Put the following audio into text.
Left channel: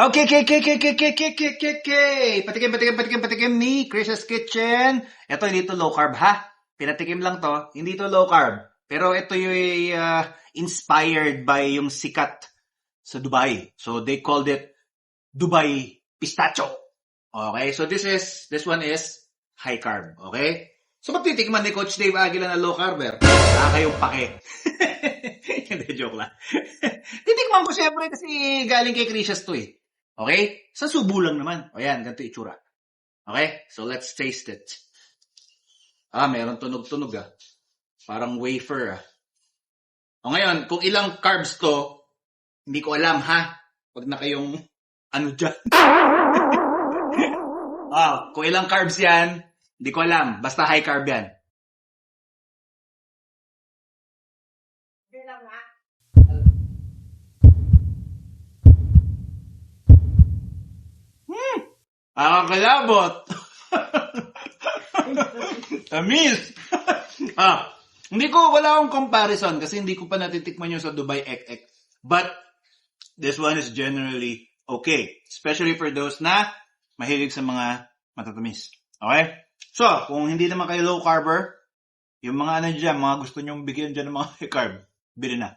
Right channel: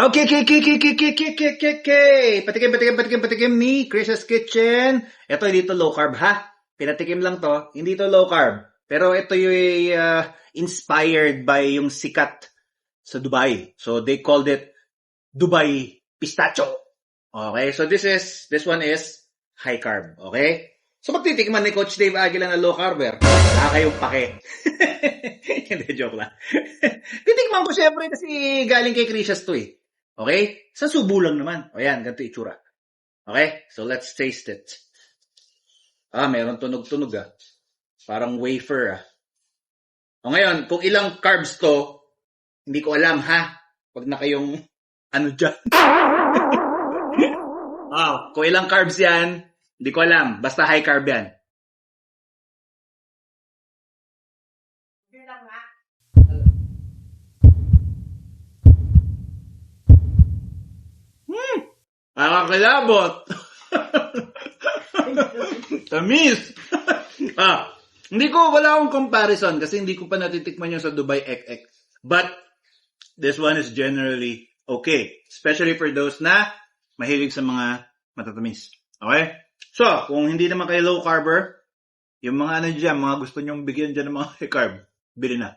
Okay, patikim ni Chris's Kitchen. Ito, hindi to low carb, ha? Pinatikim lang to. Hindi to low carb. Pero ito yung inspired by yung sikat sa Dubai. So, they called it Dubai Pistachio. Okay, so this one is high carb. Okay? So, magtitikman ni Coach Dave Aguila na low carber. Wala kayong pake. Hindi, joke lang. Titikman ko syempre kasi galing kay Chris's to eh. Okay? Sa subo lang naman. O yan, ganito itsura. Okay? So, let's taste it. Meron tunog-tunog ah. Parang wafer ah. O ngayon, kung ilang carbs to, hindi ko alam ha. Pag na kayong ano dyan. Kung ilang carbs yan, hindi ko alam. Basta high carb yan. Nakakilabot. Tamis. Wala akong comparison kasi hindi ko pa natitikman yung sa Dubai Ek. But, this one is generally okay. Especially for those na mahilig sa mga matatamis. Okay? So, kung hindi naman kayo low carber, yung mga ano dyan, mga gusto nyong bigyan dyan ng mga high carb, bili na.